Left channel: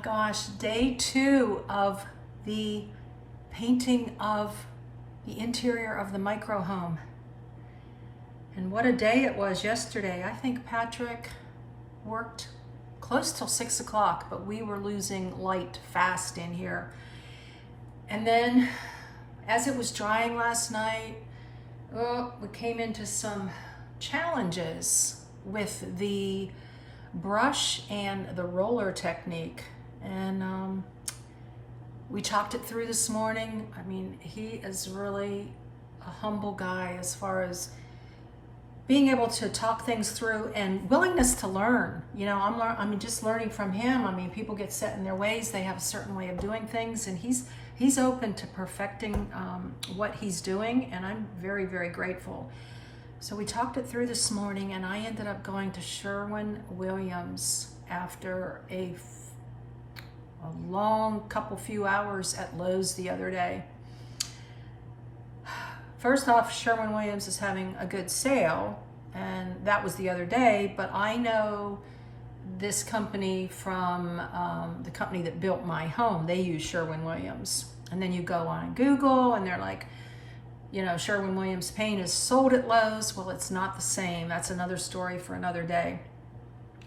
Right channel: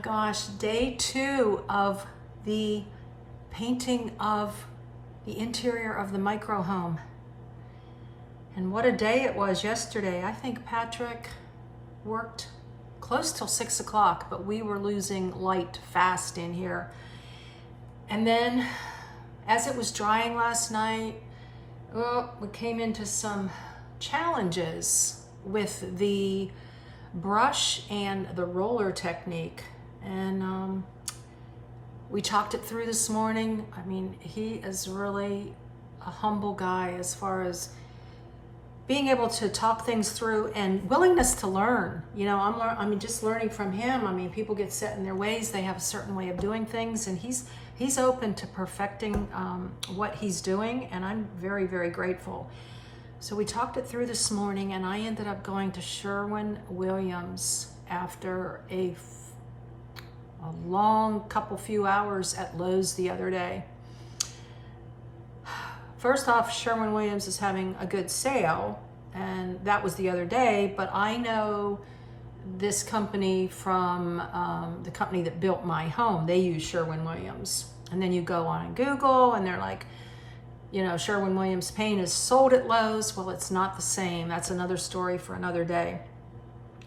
my gosh, day 2 of the painting of the interior of the micro home. And what a day it was yesterday. I think Patrick worked close till 6 o'clock, but we were losing light fast in here. And then as it was drying last night, we came into some challenges with the brush and the roller technique. And we talked it through this morning. I mean, he is really a humble guy as far as being able to talk things through and willingness to learn. You know, I'm just learning from him. I mean, people get set in their ways. They have a certain way of doing things, and he's open to perfecting what he's doing, and I'm very, very grateful. So we talked it through this morning, and I ended up going to Sherwin-Williams after a long few hours at Lowe's the other day. First off, Sherwin-Williams is having a good sale, and that was the other day, but I know this company from the company that built my home. They use Sherwin-Williams. And then you go on Google and they're like, you know, Sherwin-Williams paint is sold at Lowe's. Well, it's not the same. That's another story for another day.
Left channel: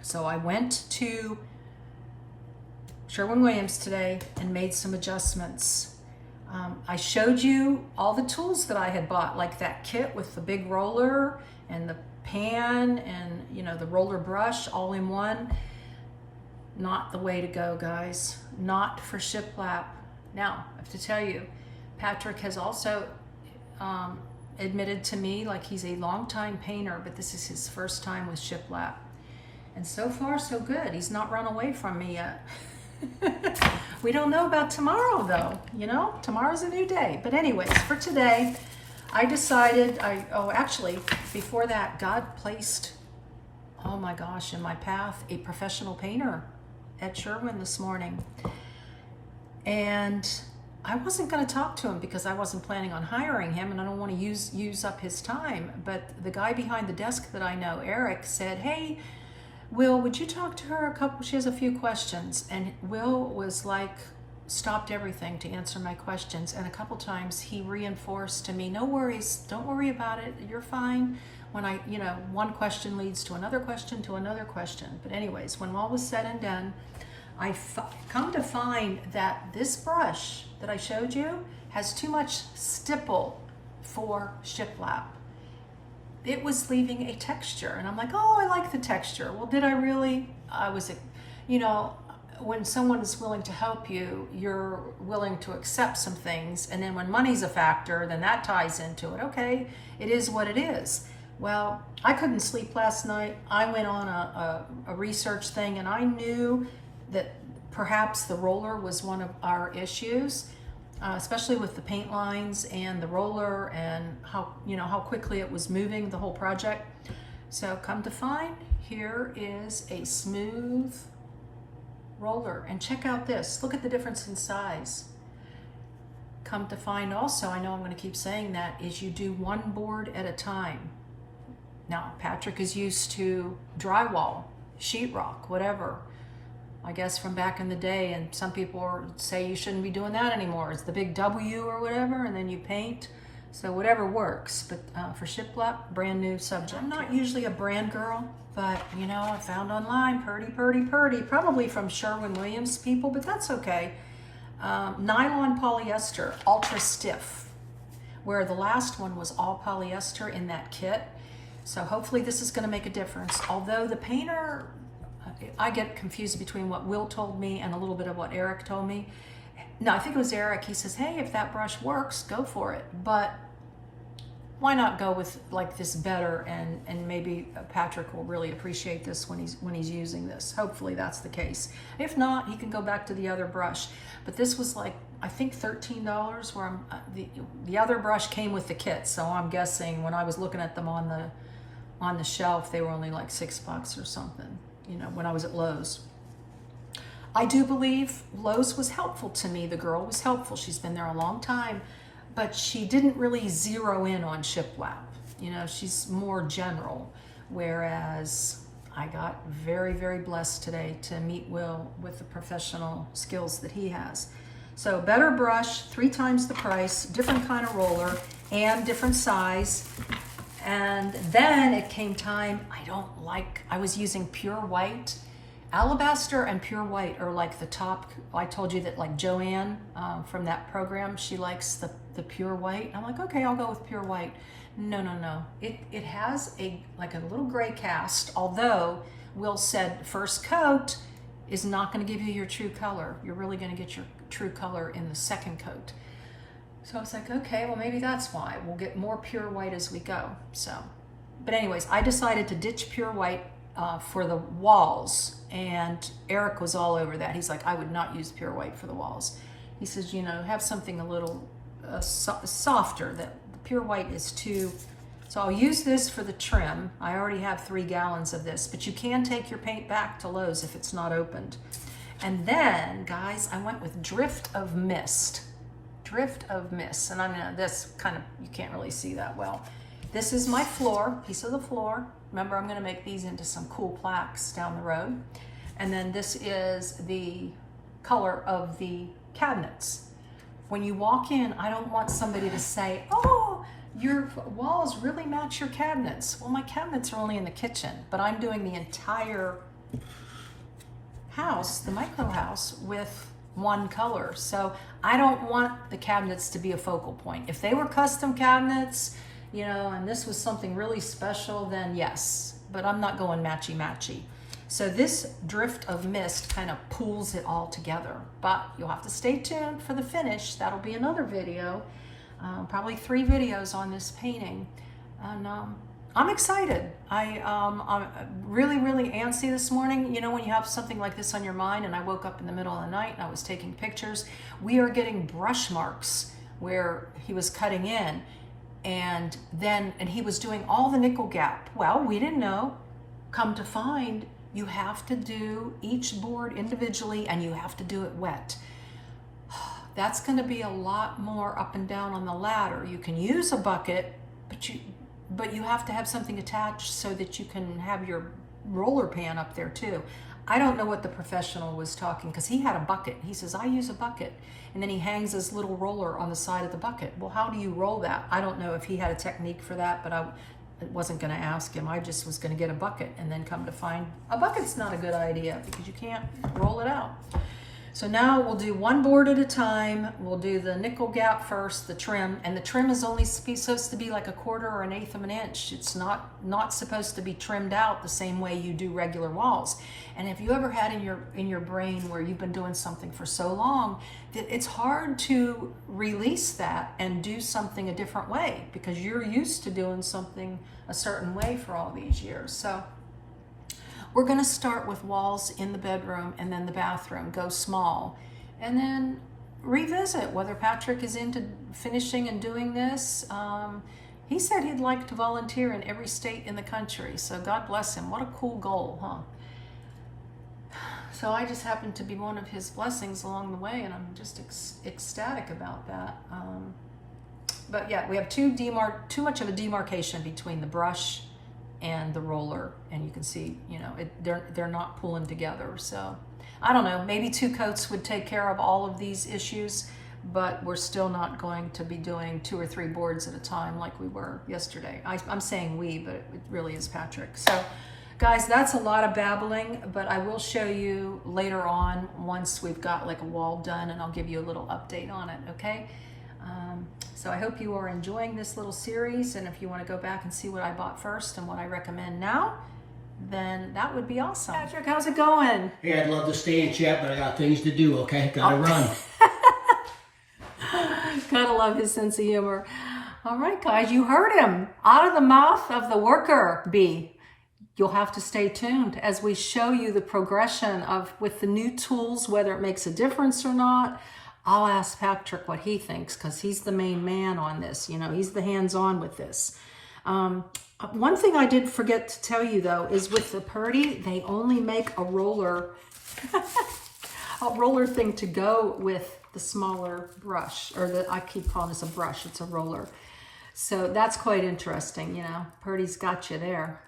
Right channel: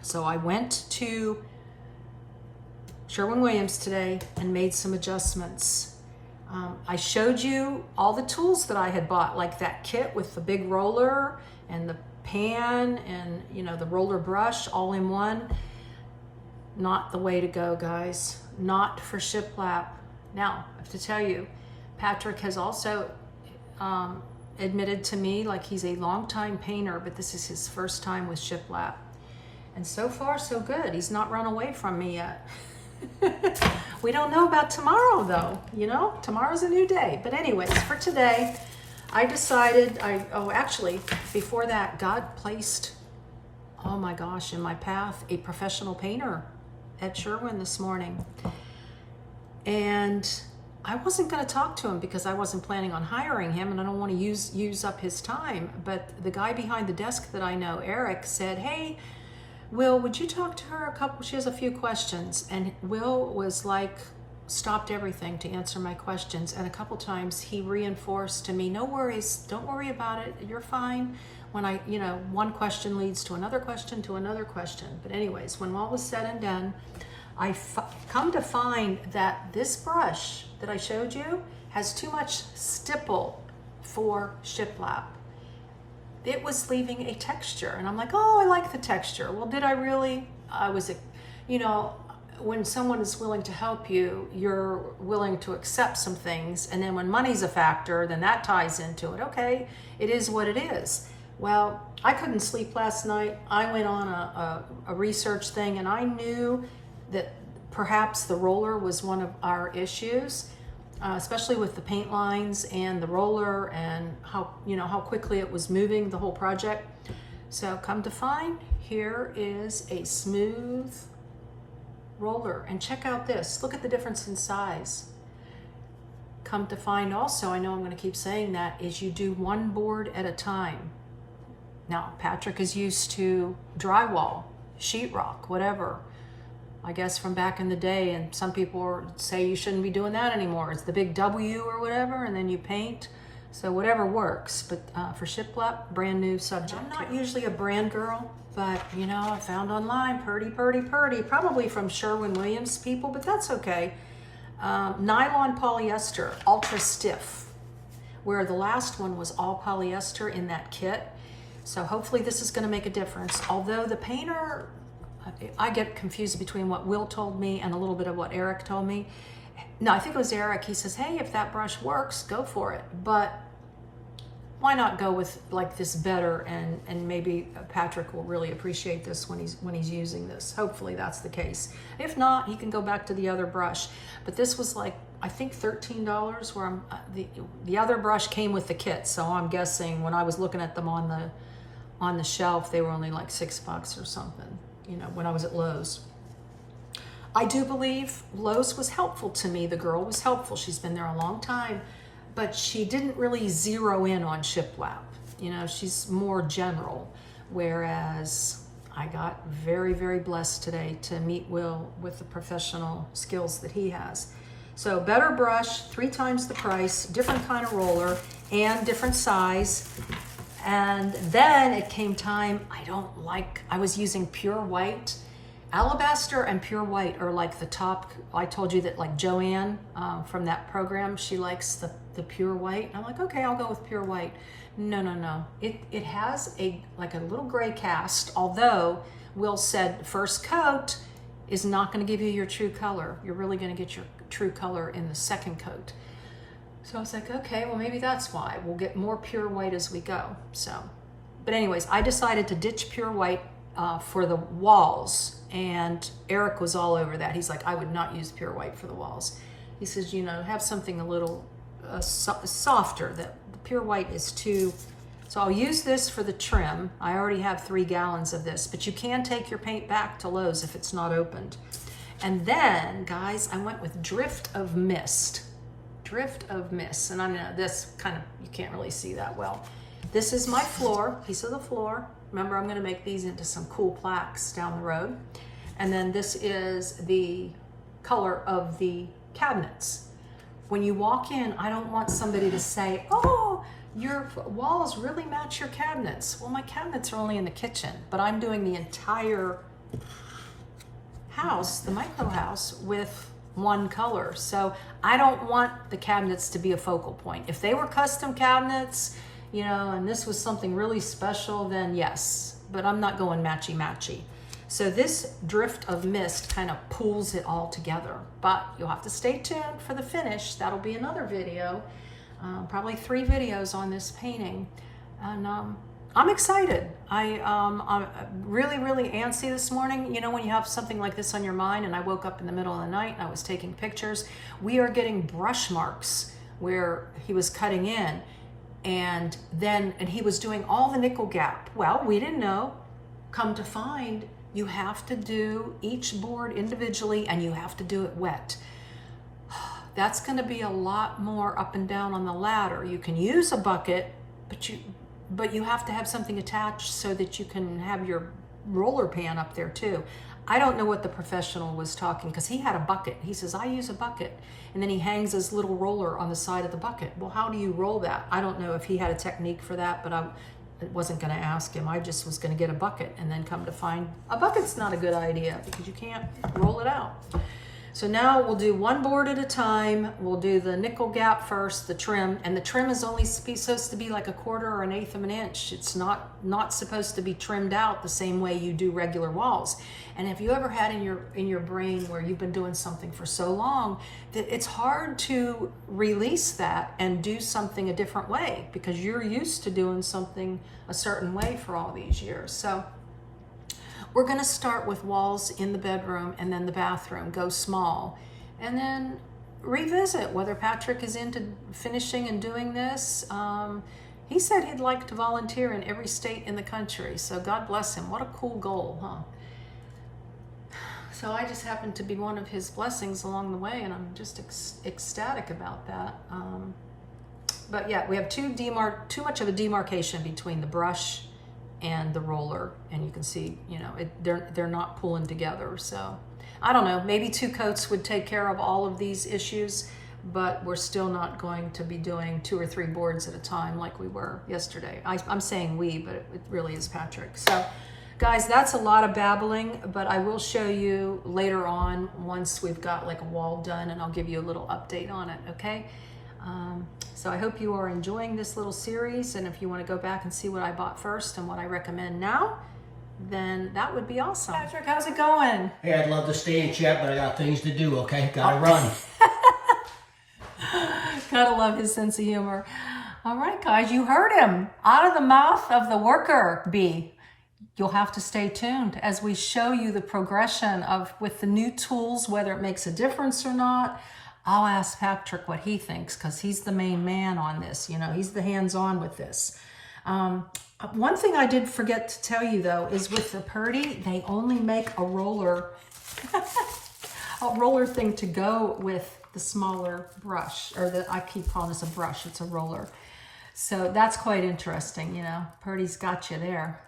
So I went to Sherwin-Williams today and made some adjustments. I showed you all the tools that I had bought, like that kit with the big roller and the pan and, you know, the roller brush all in one. Not the way to go, guys. Not for shiplap. Now, I have to tell you, Patrick has also admitted to me, like, he's a longtime painter, but this is his first time with shiplap. And so far, so good. He's not run away from me yet. We don't know about tomorrow, though. You know, tomorrow's a new day. But anyways, for today, I decided, actually, before that, God placed, oh my gosh, in my path, a professional painter at Sherwin this morning. And I wasn't going to talk to him because I wasn't planning on hiring him, and I don't want to use up his time. But the guy behind the desk that I know, Eric, said, "Hey, Will, would you talk to her she has a few questions." And Will was like, stopped everything to answer my questions. And a couple times he reinforced to me, "No worries, don't worry about it, you're fine." When one question leads to another question to another question. But anyways, when all was said and done, I come to find that this brush that I showed you has too much stipple for shiplap. It was leaving a texture, and I'm like, oh, I like the texture. Well, did I really? When someone is willing to help you, you're willing to accept some things, and then when money's a factor, then that ties into it. Okay, it is what it is. Well, I couldn't sleep last night. I went on a research thing, and I knew that perhaps the roller was one of our issues, especially with the paint lines and the roller and how quickly it was moving the whole project. So come to find, here is a smooth roller, and check out this. Look at the difference in size. Come to find also, I know I'm going to keep saying that, is you do one board at a time. Now, Patrick is used to drywall, sheetrock, whatever. I guess from back in the day, and some people say you shouldn't be doing that anymore. It's the big W or whatever, and then you paint. So whatever works, but for shiplap, brand new subject. I'm not usually a brand girl, but I found online, purdy, probably from Sherwin-Williams people, but that's okay. Nylon polyester, ultra stiff, where the last one was all polyester in that kit. So hopefully this is going to make a difference. Although the painter, I get confused between what Will told me and a little bit of what Eric told me. No, I think it was Eric. He says, hey, if that brush works, go for it. But why not go with like this better, and maybe Patrick will really appreciate this when he's using this. Hopefully that's the case. If not, he can go back to the other brush. But this was like, I think $13, where the other brush came with the kit. So I'm guessing when I was looking at them on the shelf, they were only like $6 or something, when I was at Lowe's. I do believe Lowe's was helpful to me. The girl was helpful. She's been there a long time, but she didn't really zero in on shiplap. She's more general, whereas I got very, very blessed today to meet Will with the professional skills that he has. So better brush, 3 times the price, different kind of roller, and different size. And then it came time, I was using pure white. Alabaster and pure white are like the top. I told you that like Joanne from that program, she likes the pure white. I'm like, okay, I'll go with pure white. No. It has like a little gray cast, although Will said first coat is not going to give you your true color. You're really going to get your true color in the second coat. So I was like, okay, well maybe that's why. We'll get more pure white as we go. So, but anyways, I decided to ditch pure white for the walls, and Eric was all over that. He's like, I would not use pure white for the walls. He says, have something a little softer. That the pure white is too. So I'll use this for the trim. I already have 3 gallons of this, but you can take your paint back to Lowe's if it's not opened. And then, guys, I went with Drift of Mist. Drift of Mist. And I know this kind of, you can't really see that well. This is my floor, piece of the floor. Remember, I'm going to make these into some cool plaques down the road. And then this is the color of the cabinets. When you walk in, I don't want somebody to say, oh, your walls really match your cabinets. Well, my cabinets are only in the kitchen, but I'm doing the entire house, the micro house, with one color. So I don't want the cabinets to be a focal point. If they were custom cabinets, and this was something really special, then yes, but I'm not going matchy-matchy. So this Drift of Mist kind of pulls it all together, but you'll have to stay tuned for the finish. That'll be another video, probably 3 videos on this painting. And I'm excited. I'm really, really antsy this morning. When you have something like this on your mind, and I woke up in the middle of the night, I was taking pictures. We are getting brush marks where he was cutting in, and he was doing all the nickel gap. Well, we didn't know. Come to find, you have to do each board individually, and you have to do it wet. That's going to be a lot more up and down on the ladder. You can use a bucket, but you have to have something attached so that you can have your roller pan up there too. I don't know what the professional was talking, because he had a bucket. He says, I use a bucket. And then he hangs his little roller on the side of the bucket. Well, how do you roll that? I don't know if he had a technique for that, but I wasn't going to ask him. I just was going to get a bucket, and then come to find a bucket's not a good idea because you can't roll it out. So now we'll do one board at a time. We'll do the nickel gap first, the trim, and the trim is only supposed to be like 1/4 or 1/8 of an inch. It's not supposed to be trimmed out the same way you do regular walls. And if you ever had in your brain where you've been doing something for so long that it's hard to release that and do something a different way, because you're used to doing something a certain way for all these years. So we're going to start with walls in the bedroom and then the bathroom, go small, and then revisit whether Patrick is into finishing and doing this. He said he'd like to volunteer in every state in the country, so God bless him. What a cool goal, huh? So I just happened to be one of his blessings along the way, and I'm just ecstatic about that. But yeah, we have too much of a demarcation between the brush and the roller, and you can see, they're not pulling together. So I don't know, maybe 2 coats would take care of all of these issues, but we're still not going to be doing 2 or 3 boards at a time like we were yesterday. I'm saying we, but it really is Patrick. So guys, that's a lot of babbling, but I will show you later on once we've got like a wall done, and I'll give you a little update on it, okay? So I hope you are enjoying this little series, and if you want to go back and see what I bought first and what I recommend now, then that would be awesome. Patrick, how's it going? Hey, I'd love to stay and chat, but I got things to do, okay? Gotta run. Gotta love his sense of humor. All right, guys, you heard him. Out of the mouth of the worker bee. You'll have to stay tuned as we show you the progression with the new tools, whether it makes a difference or not. I'll ask Patrick what he thinks, because he's the main man on this. He's the hands-on with this. One thing I did forget to tell you, though, is with the Purdy, they only make a roller thing to go with the smaller brush, or I keep calling this a brush. It's a roller. So that's quite interesting, Purdy's got you there.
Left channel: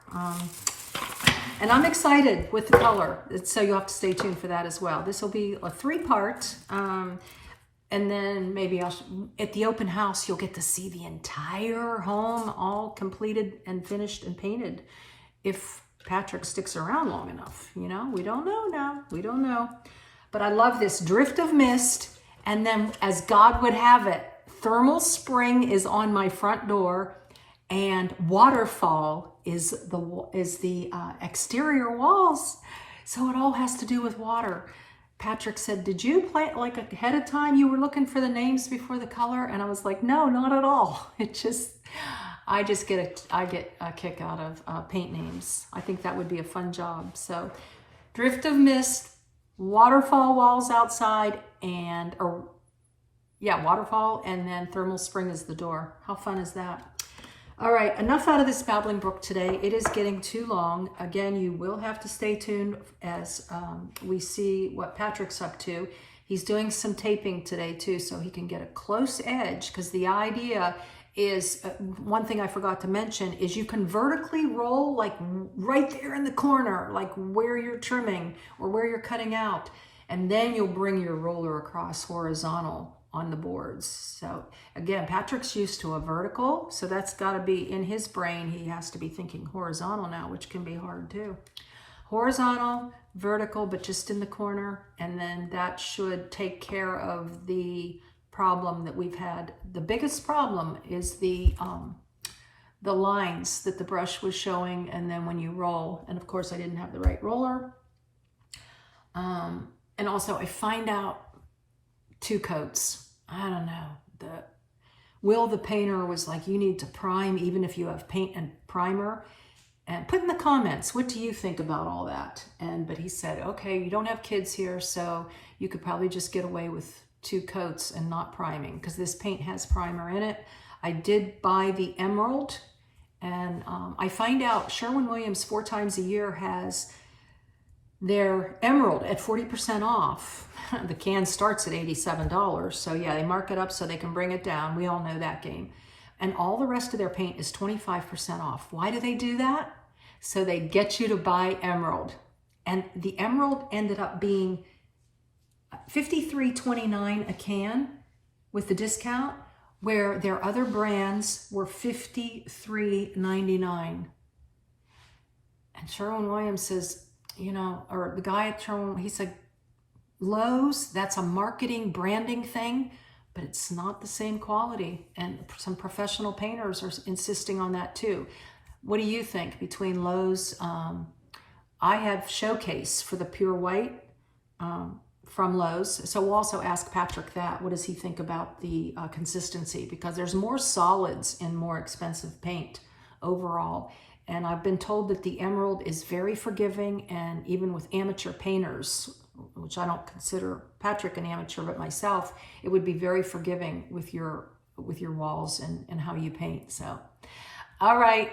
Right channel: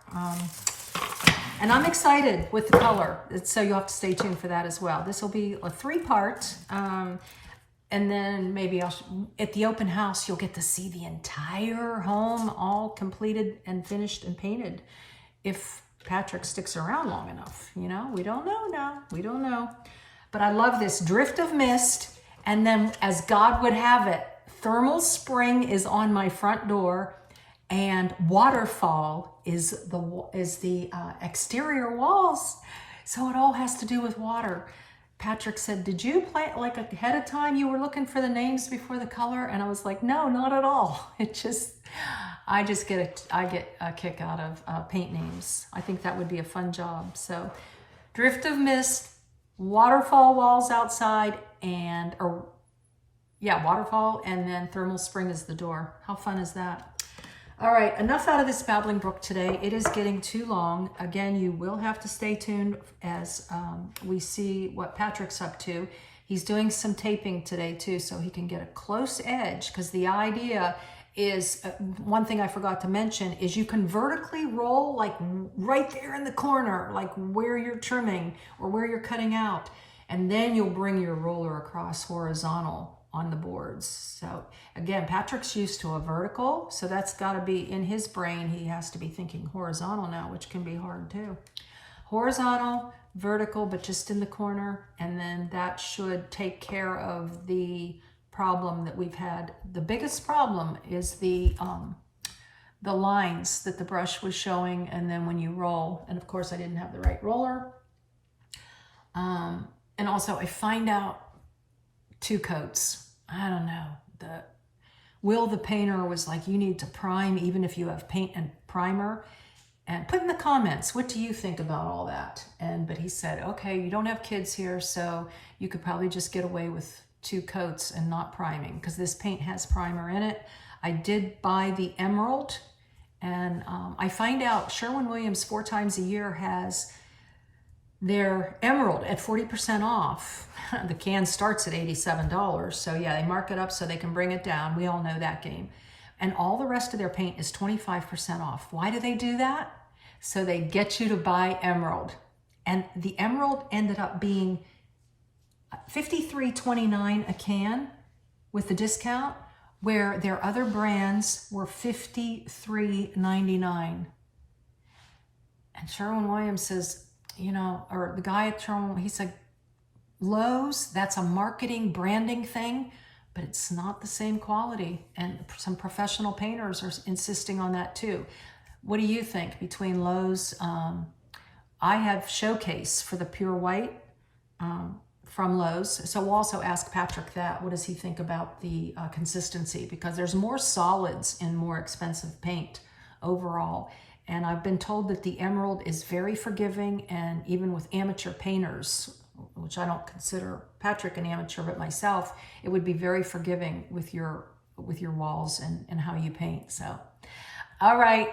And I'm excited with the color. So you'll have to stay tuned for that as well. This will be a 3-part. And then maybe at the open house, you'll get to see the entire home all completed and finished and painted. If Patrick sticks around long enough, you know, we don't know now. We don't know. But I love this drift of mist. And then as God would have it, thermal spring is on my front door, and waterfall is the exterior walls. So it all has to do with water. Patrick said, did you plan like ahead of time? You were looking for the names before the color? And I was like, no, not at all. I get a kick out of paint names. I think that would be a fun job. So drift of mist, waterfall walls outside, waterfall, and then thermal spring is the door. How fun is that? All right, enough out of this babbling brook today. It is getting too long. Again, you will have to stay tuned as we see what Patrick's up to. He's doing some taping today too, so he can get a close edge, because the idea is, one thing I forgot to mention, is you can vertically roll like right there in the corner, like where you're trimming or where you're cutting out. And then you'll bring your roller across horizontal on the boards. So again, Patrick's used to a vertical, so that's got to be in his brain. He has to be thinking horizontal now, which can be hard too. Horizontal, vertical, but just in the corner, and then that should take care of the problem that we've had. The biggest problem is the lines that the brush was showing, and then when you roll, and of course I didn't have the right roller. And also I find out 2 coats. I don't know. Will the painter was like, you need to prime even if you have paint and primer. And put in the comments, what do you think about all that? But he said, okay, you don't have kids here, so you could probably just get away with 2 coats and not priming, because this paint has primer in it. I did buy the emerald, and I find out Sherwin-Williams 4 times a year has their emerald at 40% off. The can starts at $87. So yeah, they mark it up so they can bring it down. We all know that game. And all the rest of their paint is 25% off. Why do they do that? So they get you to buy emerald. And the emerald ended up being $53.29 a can with the discount, where their other brands were $53.99. And Sherwin-Williams says, you know, or the guy at Sherwin, he said, Lowe's, that's a marketing branding thing, but it's not the same quality. And some professional painters are insisting on that too. What do you think between Lowe's? I have Showcase for the pure white from Lowe's. So we'll also ask Patrick that. What does he think about the consistency? Because there's more solids in more expensive paint overall. And I've been told that the emerald is very forgiving, and even with amateur painters, which I don't consider Patrick an amateur, but myself, it would be very forgiving with your walls and how you paint. So, all right,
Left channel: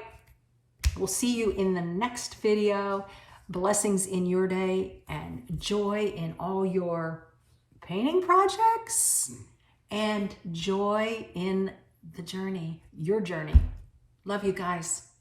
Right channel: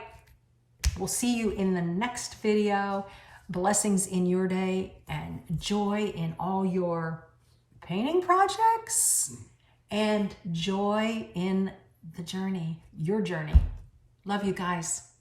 we'll see you in the next video. Blessings in your day and joy in all your painting projects, and joy in the journey, your journey. Love you guys.